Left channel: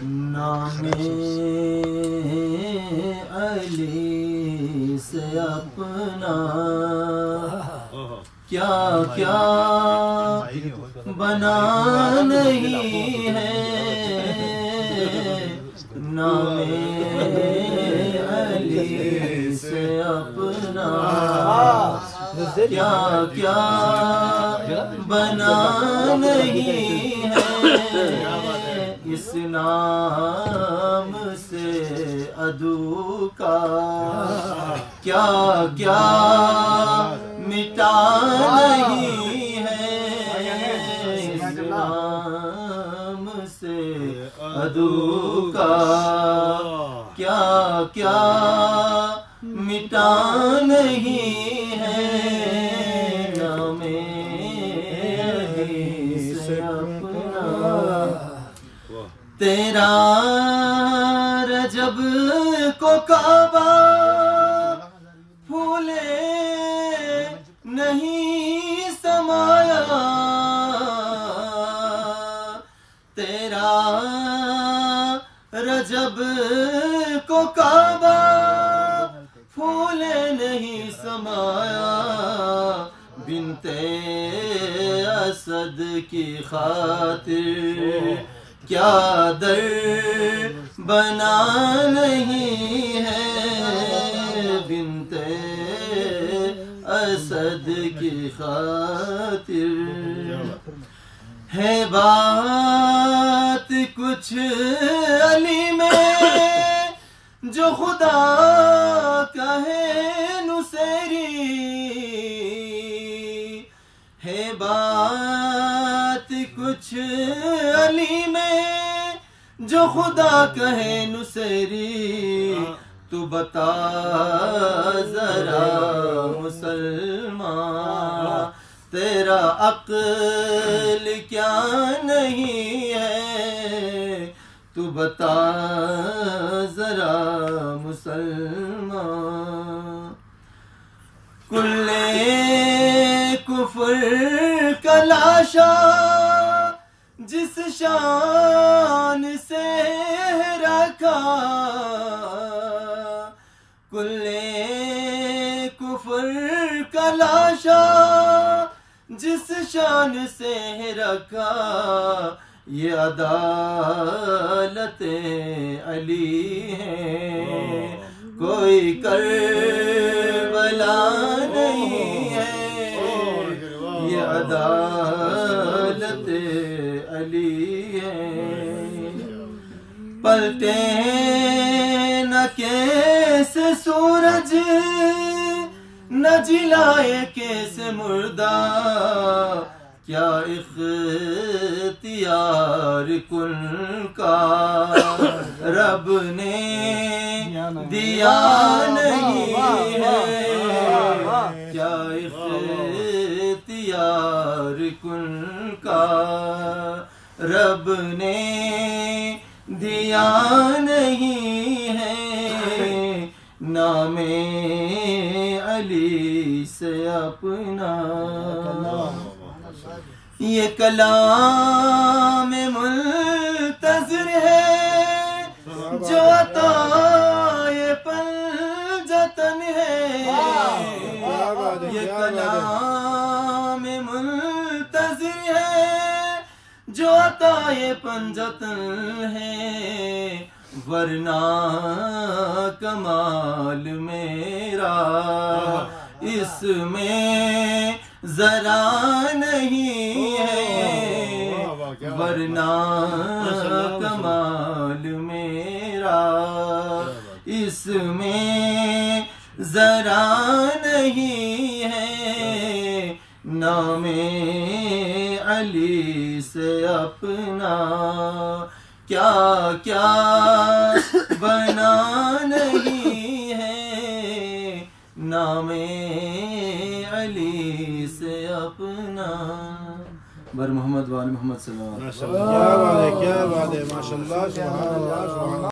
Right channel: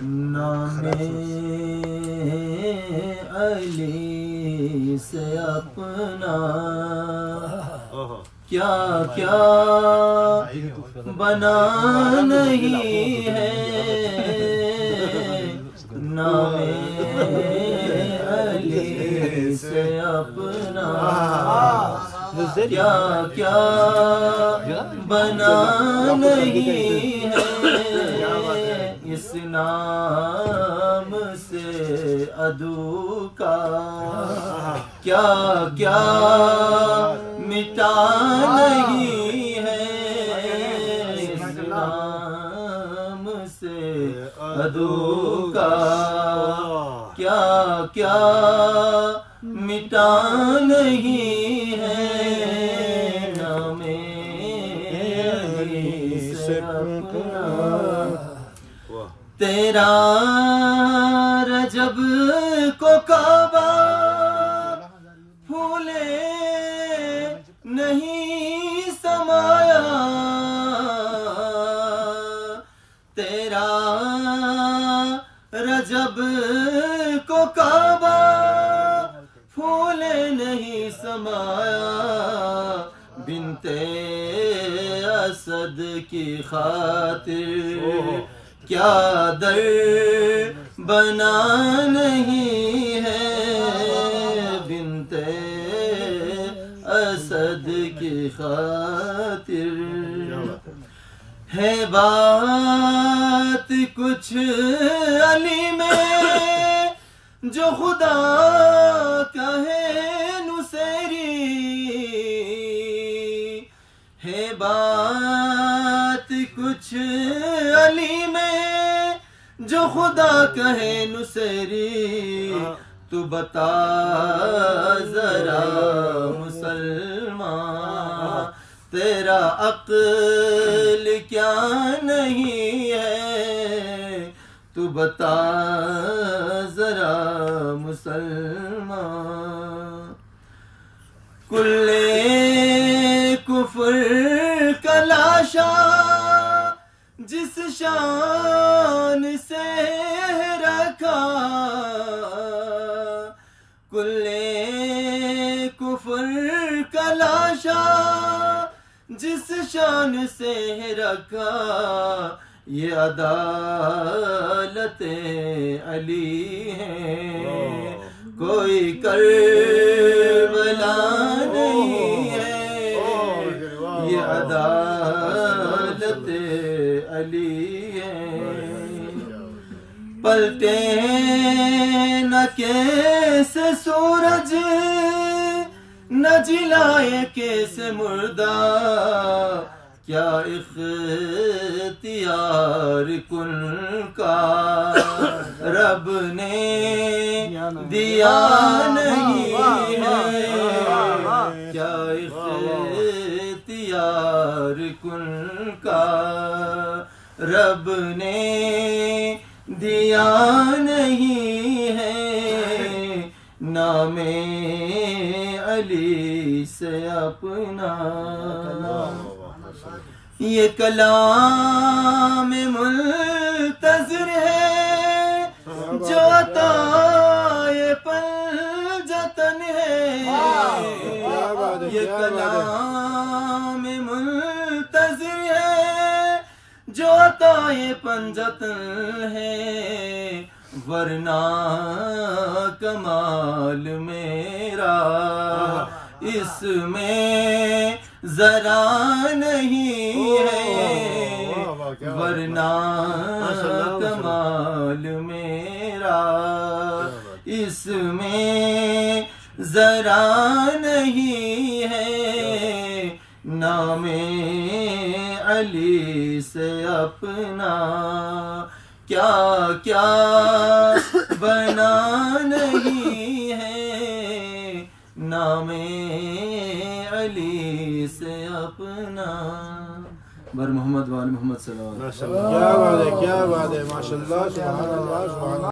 نام علی سے اپنا کیا کیا بنا نہیں ہے، نام علی سے اپنا کیا کیا بنا نہیں ہے، اس نام سے عدو کا کیا کیا مٹا نہیں ہے، اس نام سے عدو کا کیا کیا مٹا نہیں ہے، نام علی سے اپنا تیرا رجب کو کعبہ پھولے نہیں سمایا، تیرا رجب کو کعبہ پھولے نہیں سمایا، بنت اسد کی خاطر کیا در بنا نہیں ہے، بنت اسد کی خاطر ہے بات کچھ علی میں جو خدا کہے نصیری، ہے بات کچھ علی میں جو خدا کہے نصیری، تو بتا ذرا مسلمان تیرا عقل کیا نہیں ہے، تو بتا ذرا مسلمان کل کفر کا لاشا جس شان سے رکھا، کل کفر کا لاشا جس شان سے رکھا، یہ عدالت علی ہے کوئی کربلا نہیں ہے، یہ عدالت علی ہے، پلٹے نہ کیسے سورج نہ جلائے کیسے مردہ، کیا اختیار کن کا رب نے دیا نہیں ہے، کیا اختیار کن کا رب نے دیا نہیں ہے، نام علی سے اپنا یہ کلام منتظر ہے جو عطائے پنجتن ہے، یہ کلام منتظر ہے جو عطائے پنجتن ہے، ورنہ کمال میرا اس میں ذرا نہیں ہے، ورنہ کمال میرا اس میں ذرا نہیں ہے، نام علی سے اپنا کیا کیا بنا نہیں ہے، نام علی سے اپنا بر محمد وآل محمد صلی اللہ علیہ وسلم۔ کیا بات ہے، کیا بات ہے، ماشاءاللہ، سبحان اللہ، سبحان اللہ۔